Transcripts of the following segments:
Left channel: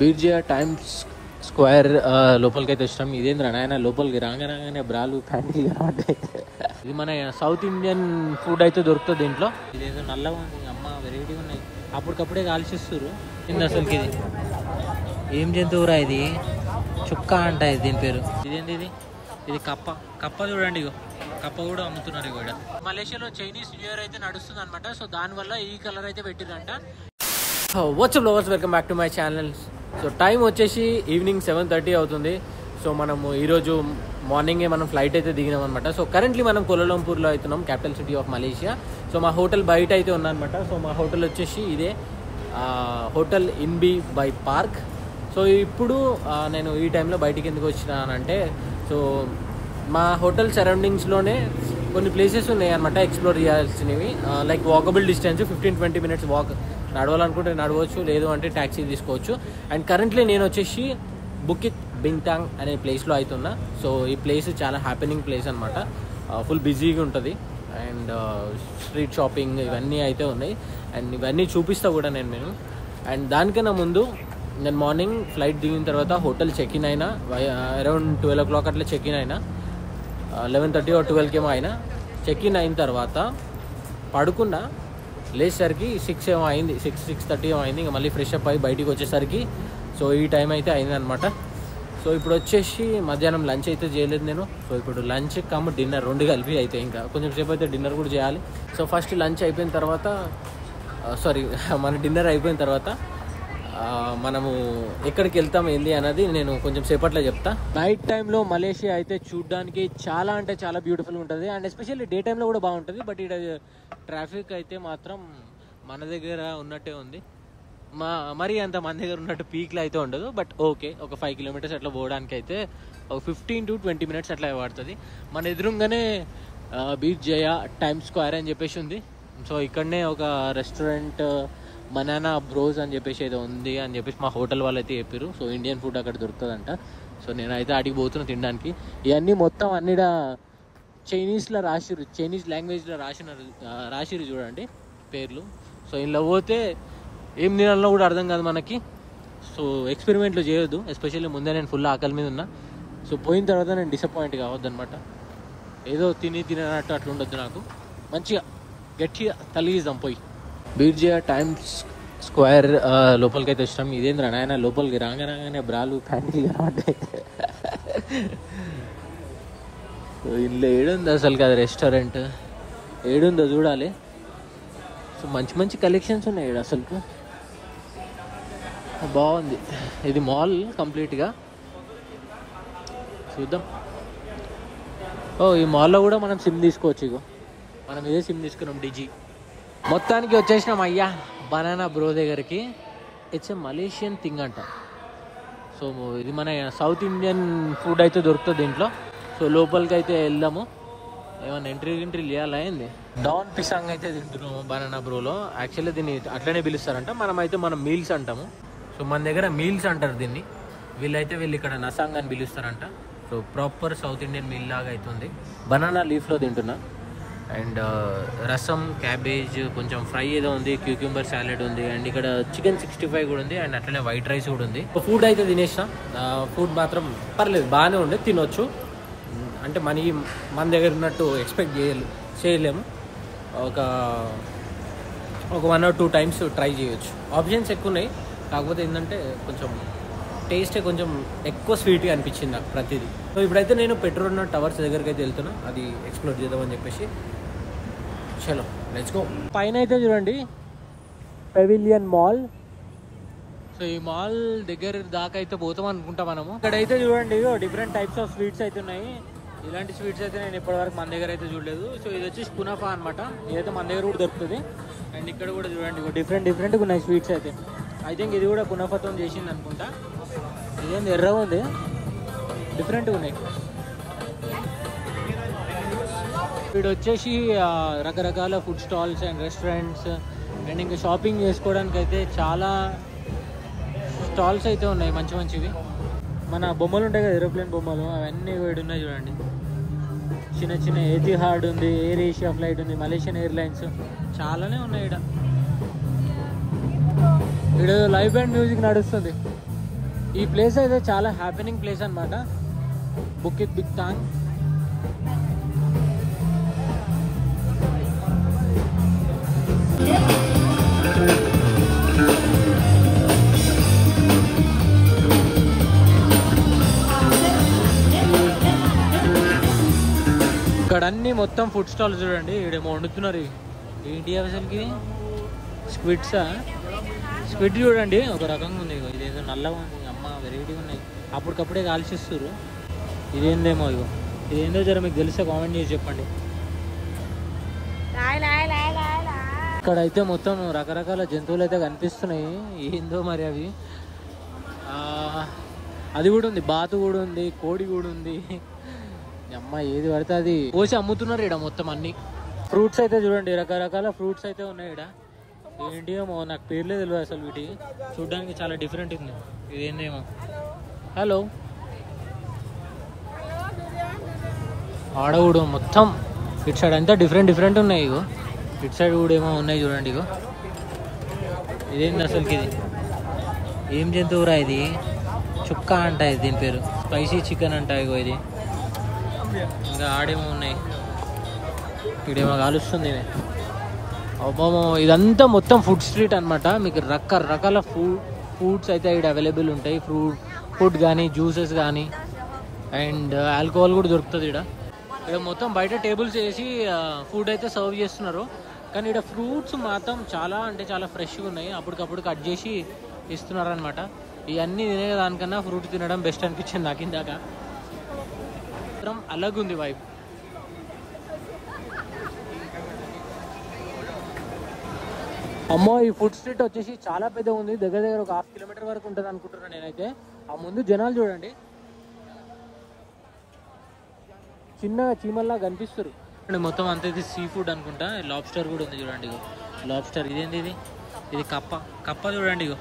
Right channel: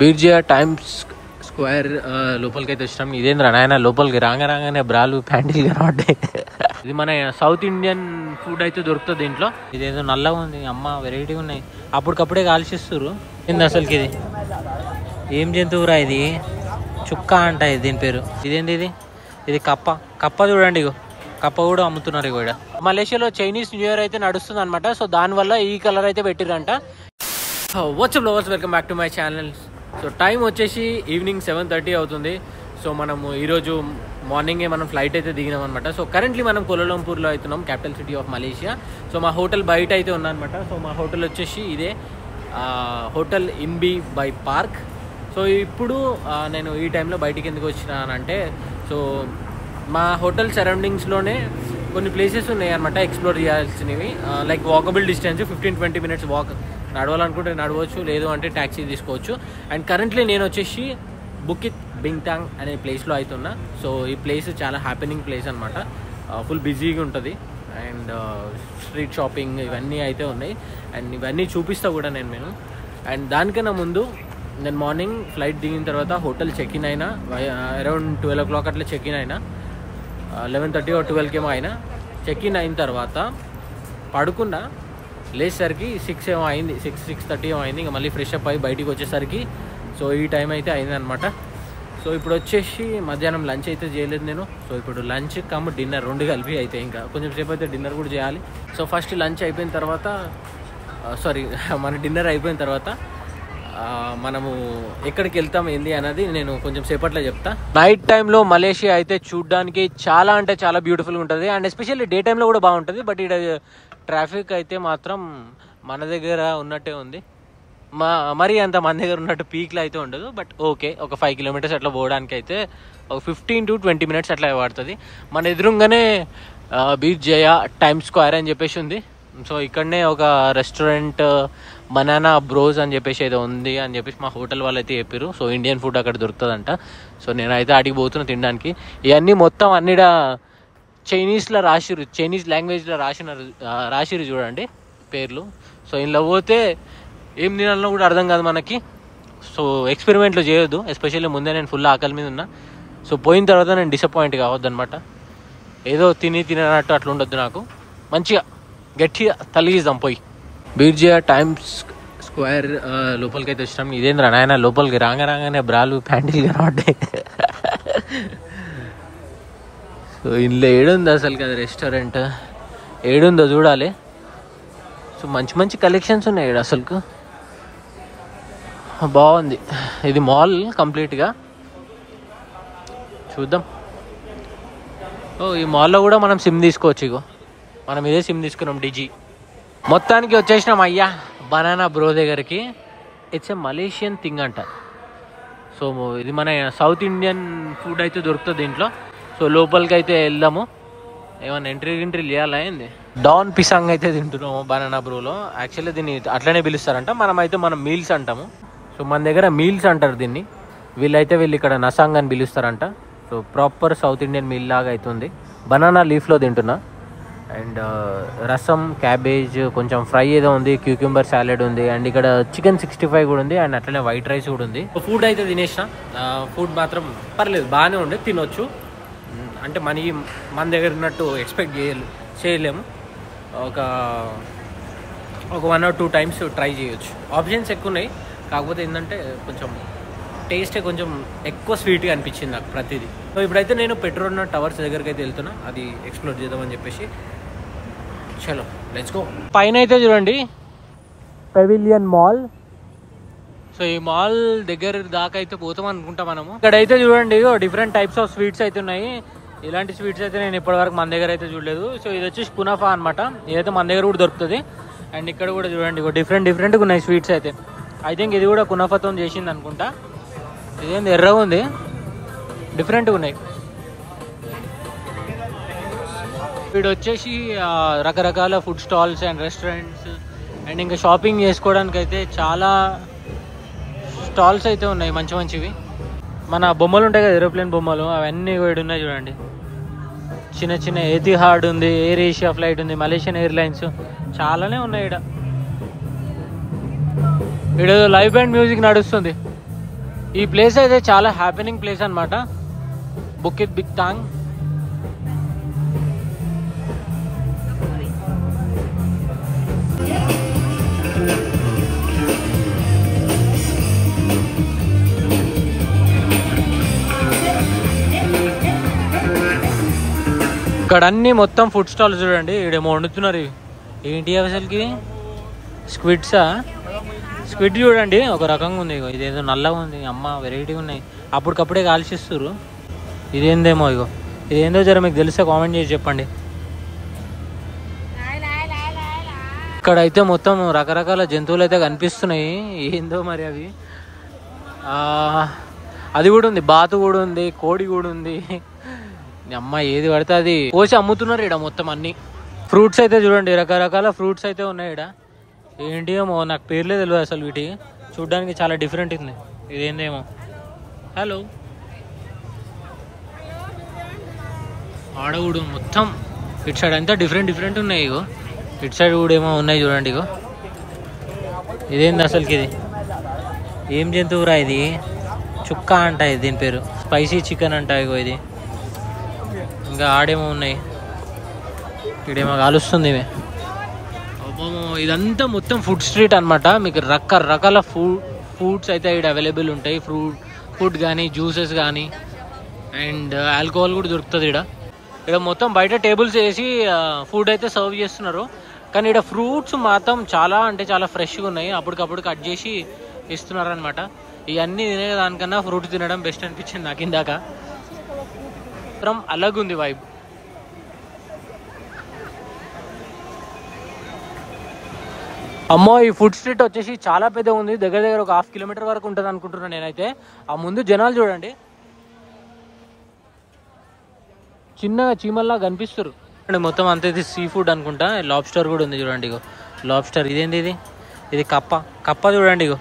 బీర్జియా times square లోపలికి అయితే ఇష్టం. ఇదేంద్ర నాయన లోపలికి రాగానే బ్రాలు ప్యాంటీలు కనబడ్డాయి. ఇది మన సౌత్ ఇండియన్ ఫుడ్ అయితే దొరుకుతుంది దీంట్లో. ఇదేదో నల్లగా ఉంది, అమ్మ వెరైటీగా ఉన్నాయి. అప్పటికప్పుడే కాల్చిస్తారు. ఏంది అసలుకి ఇది? ఏం జంతువురా ఇది? చుక్క అంట ఇది, దీని పేరు. ఇదేంటి ఇది? ఇది కప్ప చూడండి, ఇగో కప్ప కూడా అమ్ముతున్నారు ఇక్కడ. మలేషియాలో చైనీస్ న్యూ ఇయర్ అయితే నడుస్తుంది అనమాట. సో దానివల్ల ఈ కలర్ అయితే పెట్టిరంట. WhatsApp lovers, welcome back to my channel. So time వచ్చేసి ఈవినింగ్ 7:30 అవుతుంది. సో మనము ఈరోజు మార్నింగే మనం ఫ్లైట్ అయితే దిగినాం అనమాట. సో కరెంట్లీ మనం కోలాలంపూర్లో అవుతున్నాం, capital city of Malaysia. So మా హోటల్ బయట అయితే ఉందన్నమాట. సో మా హోటల్ వచ్చేసి ఇదే హోటల్ ఇన్బీ బై పార్క్. సో ఇప్పుడు నేను ఈ టైంలో బయటికి ఎందుకు వచ్చినానంటే, సో మా హోటల్ సరౌండింగ్స్లోనే కొన్ని ప్లేసెస్ ఉన్నాయి అనమాట ఎక్స్ప్లోర్ చేయాల్సినవి. Like walkable distance 15-20 minutes walk. నడవాలనుకుంటే నడవచ్చు, లేదు అంటే ట్యాక్సీ తీసుకోవచ్చు. అండ్ కరెంట్లీ నేను వచ్చేసి బుకిత్ బింగ్టాంగ్ అనే ప్లేస్లో అవుతున్నా. సో ఈ ప్లేస్ చాలా హ్యాపెనింగ్ ప్లేస్ అనమాట. ఫుల్ బిజీగా ఉంటుంది. అండ్ స్ట్రీట్ షాపింగ్ ఇవన్నీ అయితే ఉన్నాయి. అండ్ ఇవన్నీ చూపిస్తా కూడా నేను. అండ్ దానికన్నా ముందు నేను మార్నింగ్ ఫ్లైట్ దిగిన తర్వాత హోటల్ చెక్ ఇన్ అయినా, అరౌండ్ 12 o'clock అట్లా చెక్ ఇన్ అయినా, 11:30 or 12 ఏమో అయినా. చెక్ ఇన్ అయిన తర్వాత పడుకున్నా, లేచేసరికి 6 ఏమో అయింది, 6:30 ఏమో అయింది. ఇంకా మళ్ళీ ఫ్రెష్ అప్ అయ్యి బయటికి వచ్చేసరికి సో ఈ టైం అయితే అయిందనమాట. సో ఇప్పుడు వచ్చేసి మధ్యాహ్నం లంచ్ అయితే చేయలేదు నేను. సో ఇప్పుడు లంచ్ కమ్ డిన్నర్ రెండు కలిపి అయితే ఇంకా కొంచెం సేపు అయితే డిన్నర్ కూడా చేయాలి. సో ఫస్ట్ లంచ్ అయిపోయిన తర్వాత మన డిన్నర్ అయిపోయిన తర్వాత మనము ఎక్కడికి వెళ్తాం ఏంది అన్నది నేను కొంచెం సేపట్లో చెప్తా. నైట్ టైంలో మలేషియా అయితే చూడడానికి చాలా అంటే చాలా బ్యూటిఫుల్గా ఉంటుంది. అండ్ ఎస్పెషల్లీ డే టైంలో కూడా బాగుంటుంది. బట్ ఇక్కడ ట్రాఫిక్ అయితే మాత్రం మన దగ్గర ఉన్నట్టే ఉంది. మరీ అంత మన దగ్గర ఉన్నట్టు పీక్లో అయితే ఉండదు. బట్ ఓకే, ఒక 5 kilometers అట్లా పోవడానికి అయితే ఒక 15-20 minutes అట్లా పడుతుంది. మన ఎదురుగానే బీర్జియా టైమ్స్ స్క్వేర్ అని చెప్పేసి ఉంది. సో ఇక్కడనే ఒక రెస్టారెంట్ బనానా బ్రోస్ అని చెప్పేసి ఏదో ఉంది అని చెప్పేసి మా హోటల్ వాళ్ళు అయితే చెప్పారు. సో ఇండియన్ ఫుడ్ అక్కడ దొరుకుతుందంట. సో నేనైతే అడిగి పోతున్నా తినడానికి. ఇవన్నీ మొత్తం అన్నిడ చైనీస్లో రాసిరు, చైనీస్ లాంగ్వేజ్లో రాసిరు చూడండి పేర్లు. సో ఇందులో పోతే ఏం తినాలనో కూడా అర్థం కాదు మనకి. సో ఎక్స్పెరిమెంట్లు చేయొద్దు, ఎస్పెషల్లీ ముందే నేను ఫుల్ ఆకలి మీద ఉన్నా. సో పోయిన తర్వాత నేను డిసప్పాయింట్ కావద్దు అనమాట. ఏదో తినట్టు అట్లా ఉండొద్దు. నాకు మంచిగా గట్టిగా తలిగిద్దాం పోయి. బీర్జియా టైమ్స్ స్క్వేర్ లోపలికి అయితే ఇష్టం. ఇదేంద్ర నాయన లోపలికి రాగానే బ్రాలు ప్యాంటీలు కనబడ్డాయి. సో ఇందులో ఏడుంది అసలు కదా రెస్టారెంట్, ఏడుందో చూడాలి. సో మంచి కలెక్షన్స్ ఉన్నాయి ఇక్కడ అసలుకు, బాగుంది. ఇది మాల్ కంప్లీట్గా చూద్దాం. ఈ మాల్లో కూడా మనం సిమ్ తీసుకోవచ్చు. ఇగో మనం ఇదే సిమ్ తీసుకున్నాం, డిజీ. మొత్తానికి వచ్చేసినాం అయ్యా బనానా బ్రో దగ్గరికి. ఇట్స్ ఏ మలేషియన్ థింగ్ అంట. సో ఇది మన సౌత్ ఇండియన్ ఫుడ్ అయితే దొరుకుతుంది దీంట్లో. సో లోపలికి అయితే వెళ్దాము. ఏమన్నా ఎంట్రీ చేయాలా ఏంది? డాన్ పిసాంగ్ అయితే తింటున్నాము బనానా బ్రోలో. యాక్చువల్లీ దీన్ని అట్లనే పిలుస్తారంట, మనం మీల్స్ అంటాము. సో మన దగ్గర మీల్స్ అంటారు దీన్ని. వీళ్ళు ఇక్కడ నసాంగ్ అని పిలుస్తారంట. So proper South Indian meal లాగా అవుతుంది. బనానా లీఫ్లో తింటున్నా. అండ్ రసం, క్యాబేజ్, కొంచెం ఫ్రై ఏదో ఉంది, క్యూక్యూంబర్ సాలెడ్ ఉంది. అండ్ ఇక్కడ చికెన్ 65 కూడా ఉంది. అండ్ అట్లనే వైట్ రైస్ కూడా ఉంది. ఫుడ్ అయితే తినేసిన. ఫుడ్ మాత్రం పర్లేదు, బాగానే ఉండే, తినొచ్చు. అంటే మన దగ్గర ఉన్నట్టు ఎక్స్పెక్ట్ చేయలేము. ఒక 1 or 2 times ట్రై చేయొచ్చు. ఆప్షన్స్ ఎక్కువ ఉన్నాయి. కాకపోతే ఏంటంటే కొంచెం టేస్టే కొంచెం ఎక్కువ స్వీట్గా అనిపించింది నాకు ప్రతిదీ. సో ఇప్పుడైతే నేను పెట్రోనా టవర్స్ దగ్గరికి అయితే వెళ్తున్నా, అది ఎక్స్ప్లోర్ చేద్దామని చెప్పేసి. చలో లెట్స్ గో. పైన అయితే చూడండి పెవిలియన్ మాల్. సో ఈ మాల్ దగ్గర దాకా అయితే పోతాం అనుకుంటా మనము. ఇక్కడైతే చూడండి డిఫరెంట్ టైప్స్ ఆఫ్ స్వీట్స్ అయితే ఉన్నాయి. ఇలాంటి స్వీట్స్ అయితే నేను ఇప్పటివరకు మన దగ్గర అయితే చూడలేదు. సో ఇది వచ్చేసి కునాఫా అనమాట. ఇదైతే మన దగ్గర కూడా దొరుకుతుంది. అండ్ ఇక్కడ కూడా చూడండి డిఫరెంట్గా ఉన్నాయి స్వీట్స్ అయితే. ఐ థింక్ ఇది కూడా కునాఫాతో చేసింది అనుకుంటా. ఇదేంది ఎర్రగా ఉంది, డిఫరెంట్గా ఉన్నాయి. వీడు వచ్చేసి రకరకాల food stalls and restaurants and ఇంకా షాపింగ్ చేసుకోవడానికి అయితే చాలా స్టాల్స్ అయితే ఉన్నాయి మంచివి. మన బొమ్మలు ఉంటాయి కదా, ఏరోప్లేన్ బొమ్మలు, అవన్నీ వీడు ఉన్నాయి చూడండి. చిన్న ఎతిహాడ్ ఉంది, ఎయిర్ ఏషియా ఫ్లైట్ ఉంది, మలేషియన్ ఎయిర్లైన్స్, చాలానే ఉన్నాయి ఇక్కడ. లైవ్ బ్యాండ్ మ్యూజిక్ నడుస్తుంది. ఈ ప్లేస్ అయితే చాలా హ్యాపెనింగ్ ప్లేస్ అనమాట, బుకిత్ బిక్తాంగ్. ఇక్కడ అన్ని మొత్తం ఫుడ్ స్టాల్స్ చూడండి. ఈడేమో వండుతున్నారు. ఏంటి అసలుకి స్క్విడ్సా? స్క్విడ్ చూడండి ఒక రకంగా ఉంది. ఇదేదో నల్లగా ఉంది, అమ్మ వెరైటీగా ఉన్నాయి. అప్పటికప్పుడే కాల్చిస్తారు. ఇదేందేమో ఇగో, ఇదేందో జర మీకు తెలిస్తే కామెంట్ చేసి చెప్పండి. ఇక్కడ అయితే మొత్తం రకరకాల జంతువులు అయితే కనిపిస్తున్నాయి. ఏందో మరి అవి. అది కూడా ఉంది, బాతు కూడా ఉంది, కోడి కూడా ఉంది. అమ్మ ఏది పడితే అది కోసి అమ్ముతున్నారు ఇక్కడ మొత్తం అన్ని. ఫ్రూట్స్ అయితే చూడండి, రకరకాల ఫ్రూట్స్ అయితే ఉన్నాయి ఇక్కడ. ఏంటి ఏమో నాకు పేర్లే తెలియదు అసలు. వీటి చూడడానికి చాలా డిఫరెంట్ ఉంది. ఇదేందేమో. హలో, ఆడ కూడా మొత్తం ఇటు సైడ్ అంతా డిఫరెంట్ ఉన్నాయి. ఇగో ఇటు సైడ్ కూడా ఏమో ఉన్నాయి చూడండి. ఇగో ఇదేంది అసలుకి? ఇది ఏం జంతువురా? ఇది చుక్క అంట, ఇది దీని పేరు స్పైసీ చికెన్ అంట. ఇగో ఇది ఇంకా ఆడేమో ఉన్నాయి. ఇక్కడేమో కాలుస్తుంది ఇవి. అబ్బో, ఇదంతా మొత్తం ఫుడ్ స్ట్రీట్ అనమాట. మీకు రకరకాల ఫుడ్స్ అయితే ఇక్కడ అవైలబుల్ ఉంటాయి. ఫుడ్ కానీ, జ్యూసెస్ కానీ, అండ్ ఆల్కహాల్ కూడా దొరుకుతుంది ఇక్కడ మొత్తం బయట టేబుల్స్ వేసి ఫుడ్ అయితే సర్వ్ చేస్తున్నారు. కానీ ఇక్కడ ఫ్రూట్స్ మాత్రం చాలా అంటే చాలా ఫ్రెష్గా ఉన్నాయి. అప్పటికప్పుడు కట్ చేసి ఇస్తున్నారు అనమాట. ఇవన్నీ తినే దానికన్నా ఫ్రూట్ తినడం బెస్ట్ అనిపించింది నాకు ఇందాక. అలాగుంది వైబ్. అమ్మో, ఈ ఫుడ్ స్ట్రీట్ వచ్చేసి చాలా పెద్దగా ఉంది. దగ్గర ఒక 1/2 కిలోమీటర్ వరకు ఉంటుంది అనుకుంటున్నాను నేనైతే. ఆ ముందు జనాలు చూడండి, చిన్నగా చీమల్లా కనిపిస్తారు. మొత్తం అంత ఇది సీ ఫుడ్ అనుకుంటా. లాబ్స్టర్ కూడా ఉంది చూడండి. ఇగో లాబ్స్టర్. ఇదేంది? ఇది కప్ప చూడండి. ఇగో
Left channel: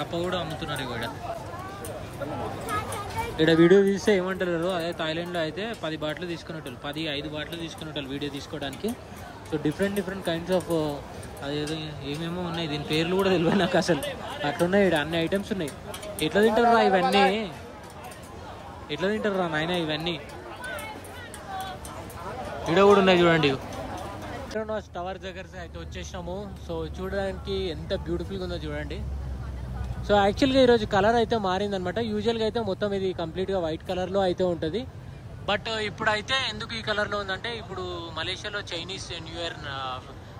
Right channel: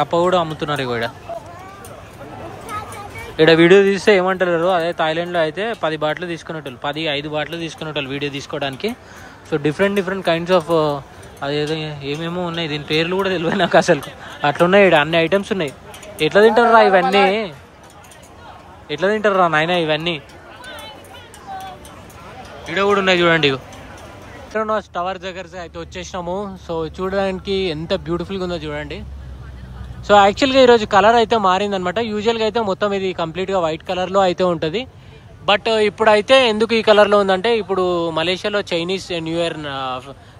కప్ప కూడా అమ్ముతున్నారు. ఇగో ఇక్కడ వీడియో తీస్తే ఏమంటారు, అదే థాయిలాండ్లో అయితే 10 బాటిల్ తీసుకునేటోళ్ళు, 5 బాటిల్ తీసుకునేటోళ్ళు వీడియో తీసుకోవడానికి. సో డిఫరెంట్ కైండ్స్ ఆఫ్ అదేదో ఏమేమో ఉన్నాయి. దీని పేర్లు కూడా తెలియదు నాకు అసలు. అట్లున్నాయి ఇక్కడ అన్ని ఐటమ్స్ ఉన్నాయి. ఎట్లా తింటారు రా ఇవన్నీ? ఎట్లా తింటారు రా నాయన ఇవన్నీ? ఇక్కడ కూడా ఉన్నాయి చూడండి. టవర్ దగ్గర అయితే వచ్చేసినాము. సో చూడడానికి ఎంత బ్యూటిఫుల్గా ఉందో చూడండి. సో యాక్చువల్గా ఈరోజు కలర్ అయితే మారిందనమాట. యూజువల్గా అయితే మొత్తం ఇది కంప్లీట్గా వైట్ కలర్లో అయితే ఉంటుంది. బట్ ఇప్పుడైతే ఎందుకు ఈ కలర్లో ఉందంటే, ఇప్పుడు మలేషియాలో చైనీస్ న్యూ ఇయర్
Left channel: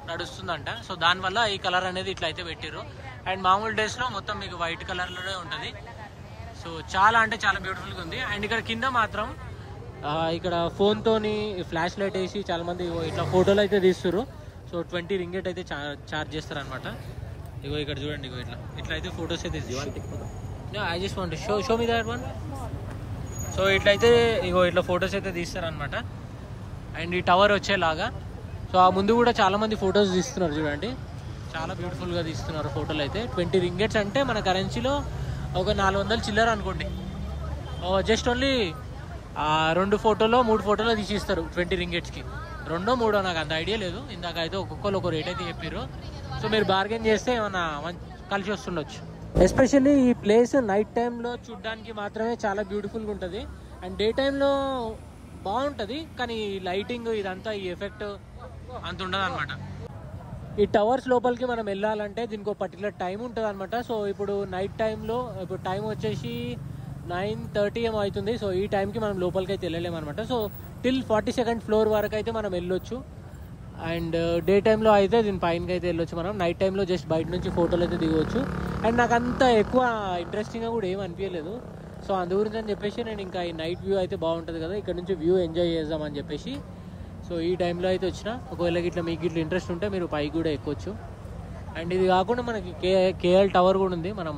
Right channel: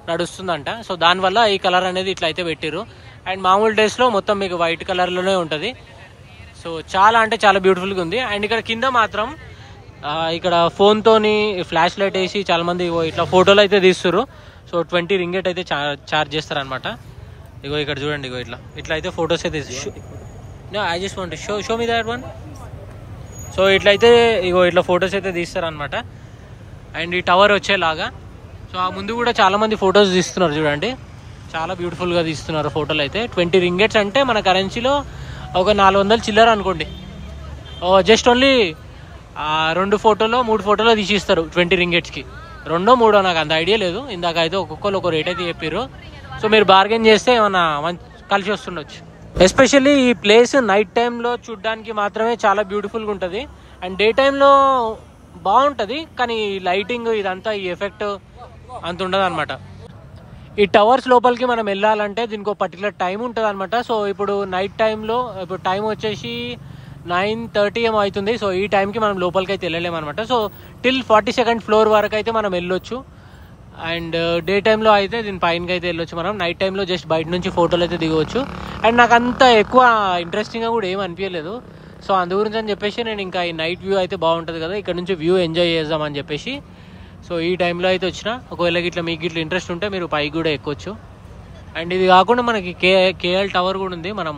నడుస్తుందంట. సో దానివల్ల ఈ కలర్ అనేది ఇట్లా అయితే పెట్టిరు. అండ్ మామూలు డేస్లో మొత్తం మీకు వైట్ కలర్లోనే ఉంటుంది. సో చాలా అంటే చాలా బ్యూటిఫుల్గా ఉంది. అండ్ ఇక్కడ కింద మాత్రం ఇక్కడ ఫోన్తోని ఫ్లాష్ లైట్ వేసి చాలామంది ఇట్లా ఫోటోలు అయితే తీస్తారు. సో 20 రింగెట్ అయితే చార్జ్ చేస్తారనమాట. ఇగో ఇక్కడ చూడండి. ఇగో ఇట్లా అయితే ఫొటోస్ అయితే I just want show me that one. So ఇట్లయితే ఇట్లా ఫొటోస్ అయితే తీస్తారనమాట. అండ్ ఈ టవర్ వచ్చేలాగా. సో ఆ ముందు కూడా చాలామంది ఫొటోస్ తీస్తున్నారు చూడండి. చాలా బ్యూటిఫుల్గా తీస్తున్నారు ఫోటోలు అయితే. 20 రింగెట్స్ అంటే మన కరెన్సీలో ఒక 400 చిల్లర అనుకోండి. జస్ట్ ఓన్లీ 2 ఫోటోలో 3 ఫోటోలో తీసిస్తారు 20 రింగెట్స్కి. 2 3 నాకు అంత ఐడియా లేదు. ఇందాక అయితే ఒక్కొక్కరు ఒక రేట్ అయితే చెప్పారు. సో మీరు బార్గెన్ చేస్తే ఏమన్నా కలిసి వస్తుండొచ్చు. ఎస్పెషల్లీ ఈ ప్లేస్ నైట్ టైంలో చూడడానికి మాత్రమే చాలా బ్యూటిఫుల్గా ఉంటుంది. అండ్ డే టైంలో బాగుంటుంది, కానీ లైటింగ్ ఇదంతా ఈ ఎఫెక్ట్ అంత ఉండదు అనమాట. ఈ టవర్స్ లోపలికి మనం వెళ్ళాలంటే దీనికి ఒక పర్టికులర్ టైం ఉంటుంది అనమాట. సో ఇప్పుడు నైట్ టైంలో ఇప్పుడు టైం వచ్చేసి 9:30 ఏమో అవుతుంది. సో ఈ టైంకి మనం లోపలికి అయితే వెళ్ళలేము అనమాట. సో టిల్ 42nd ఫ్లోర్ వరకు అయితే మనం వెళ్ళొచ్చు. అండ్ డే టైంలో అయితే దీని పైనకి అయితే వెళ్ళొచ్చు మనం. నైట్ టైంలో జస్ట్ బయట నుంచి ఫోటోలు అయితే దిగవచ్చు. అండ్ నాకు అంత ఎక్కువ ఇంట్రెస్టింగ్గా కూడా ఏం అనిపించలేదు. సో అందు గురించి అని చెప్పేసి నేను ఇంకా ఈ నైట్ వ్యూ అయితే బాగుంటుంది కదా, ఇక్కడ నుంచి వ్యూ ఎంజాయ్ చేద్దామని చెప్పేసి సో ఈ టైంలో అయితే వచ్చిన. ఒకవేళ ఇట్లా మీకు ఇట్లా ఇంట్రెస్ట్ ఉంటే మీరు పైకి కూడా ఎక్కొచ్చు. అండ్ ఇది కాకుండా మనకి కేఎల్ టవర్ కూడా ఉంది. మనం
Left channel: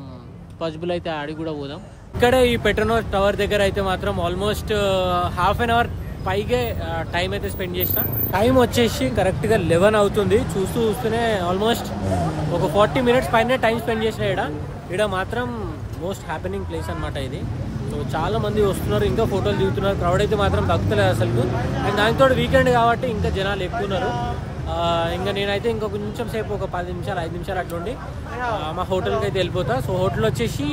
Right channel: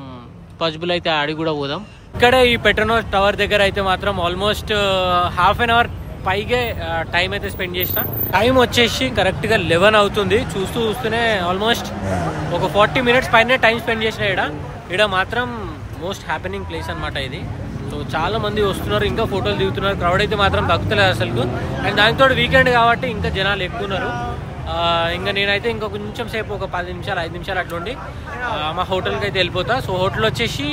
పాసిబుల్ అయితే ఆడి కూడా పోదాం. ఇక్కడే ఈ పెట్రోనోస్ టవర్ దగ్గర అయితే మాత్రం ఆల్మోస్ట్ ½ an hour పైగే టైం అయితే స్పెండ్ చేసిన. టైం వచ్చేసి కరెక్ట్గా 11 అవుతుంది. చూస్తూనే ఆల్మోస్ట్ ఒక 40 minutes పైన టైం స్పెండ్ చేసిన. ఇక్కడ మాత్రం మోస్ట్ హ్యాపెనింగ్ ప్లేస్ అనమాట ఇది. సో చాలా మంది వస్తున్నారు, ఇంకా ఫోటోలు దిగుతున్నారు. క్రౌడ్ అయితే మాత్రం తగ్గుతలేదు అసలు. అండ్ దానితో వీకెండ్ కాబట్టి ఇంకా జనాలు ఎక్కువ ఉన్నారు. ఇంకా నేనైతే ఇంకా కొంచెం సేపు ఒక 10 నిమిషాలు 5 నిమిషాలు అట్లా ఉండి మా హోటల్కి అయితే వెళ్ళిపోతా. సో హోటల్ వచ్చేసి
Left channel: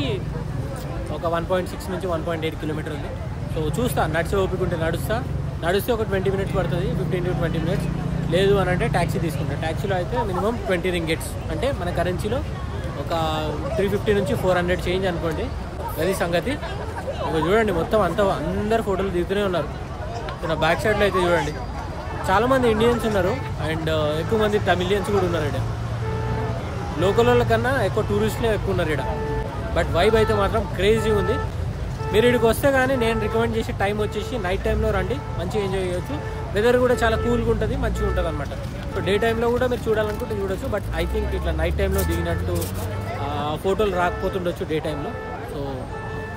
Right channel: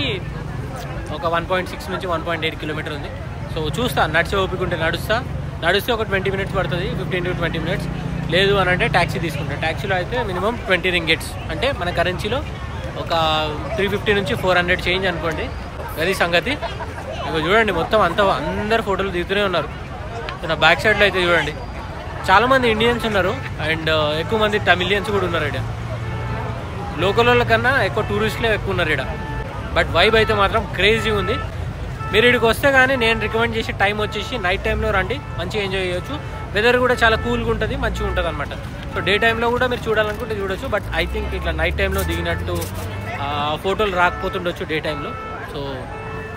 ఒక 1.6 నుంచి 1.8 కిలోమీటర్ ఉంది. సో చూస్తా, నడిచే ఓపిక ఉంటే నడిస్తే ఒక 20 మినిట్స్ పడుతుంది, 15 to 20 మినిట్స్. లేదు అని అంటే ట్యాక్సీ తీసుకుంటాను. ట్యాక్సీలో అయితే మినిమం 20 రింగెట్స్, అంటే మన కరెన్సీలో ఒక 350 నుంచి 400 చేంజ్ అనుకోండి. అది సంగతి. ఇక చూడండి మొత్తం అందరు ఫోటోలు దిగుతూనే ఉన్నారు. నా బ్యాక్ సైడ్లో అయితే చూడండి చాలామంది ఇండియన్స్ ఉన్నారు అండ్ ఎక్కువ మంది తమిళియన్స్ కూడా ఉన్నారు ఇక్కడ. లోకల్ వాళ్ళ కన్నా ఎక్కువ టూరిస్టులే ఎక్కువ ఉన్నారు ఇక్కడ. బట్ వైబ్ అయితే మాత్రం క్రేజీ ఉంది. మీరు ఇక్కడికి వస్తే కానీ నేను రికమెండ్ చేసే టైం వచ్చేసి నైట్ టైంలో రండి, మంచిగా ఎంజాయ్ చేయొచ్చు. వెదర్ కూడా చాలా కూల్గా ఉంటుంది, మంచిగా ఉంటుంది అనమాట. సో డే టైంలో కూడా మీరు చూడాలనుకుంటే చూడొచ్చు. బట్ ఐ థింక్ ఇట్లా నైట్ టైంలో దిగినట్టు ఫోటోలు రాకపోతుండొచ్చు డే టైంలో. సో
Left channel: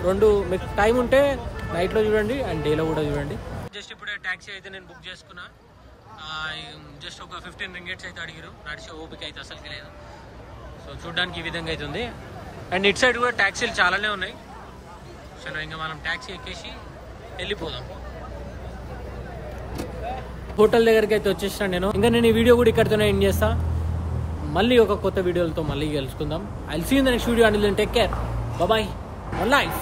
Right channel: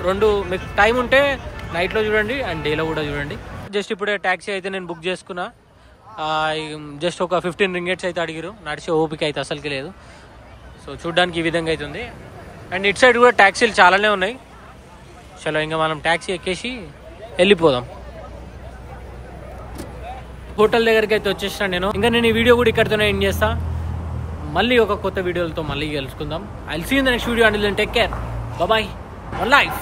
రెండు మీకు టైం ఉంటే నైట్లో చూడండి అండ్ డేలో కూడా చూడండి. జస్ట్ ఇప్పుడే ట్యాక్సీ అయితే నేను బుక్ చేసుకున్నా. జస్ట్ ఒక 15 రింగెట్స్ అయితే అడిగిరు. నడిచే ఓపిక అయితే అసలుకి లేదు. సో చూడ్డానికి ఈ విధంగా అవుతుంది. అండ్ ఇటు సైడ్ కూడా ట్యాక్సీలు చాలానే ఉన్నాయి. చలో ఇంకా మనం ట్యాక్సీ ఎక్కేసి వెళ్ళిపోదాం. హోటల్ దగ్గరికి అయితే వచ్చేసిన నేను. ఇంకా నేను ఈ వీడియో కూడా ఇక్కడితోనే ఎండ్ చేస్తా. మళ్ళీ ఒక కొత్త వీడియోలతో మళ్ళీ కలుసుకుందాం. I will see you in the next video. Until then take care, bye, one life.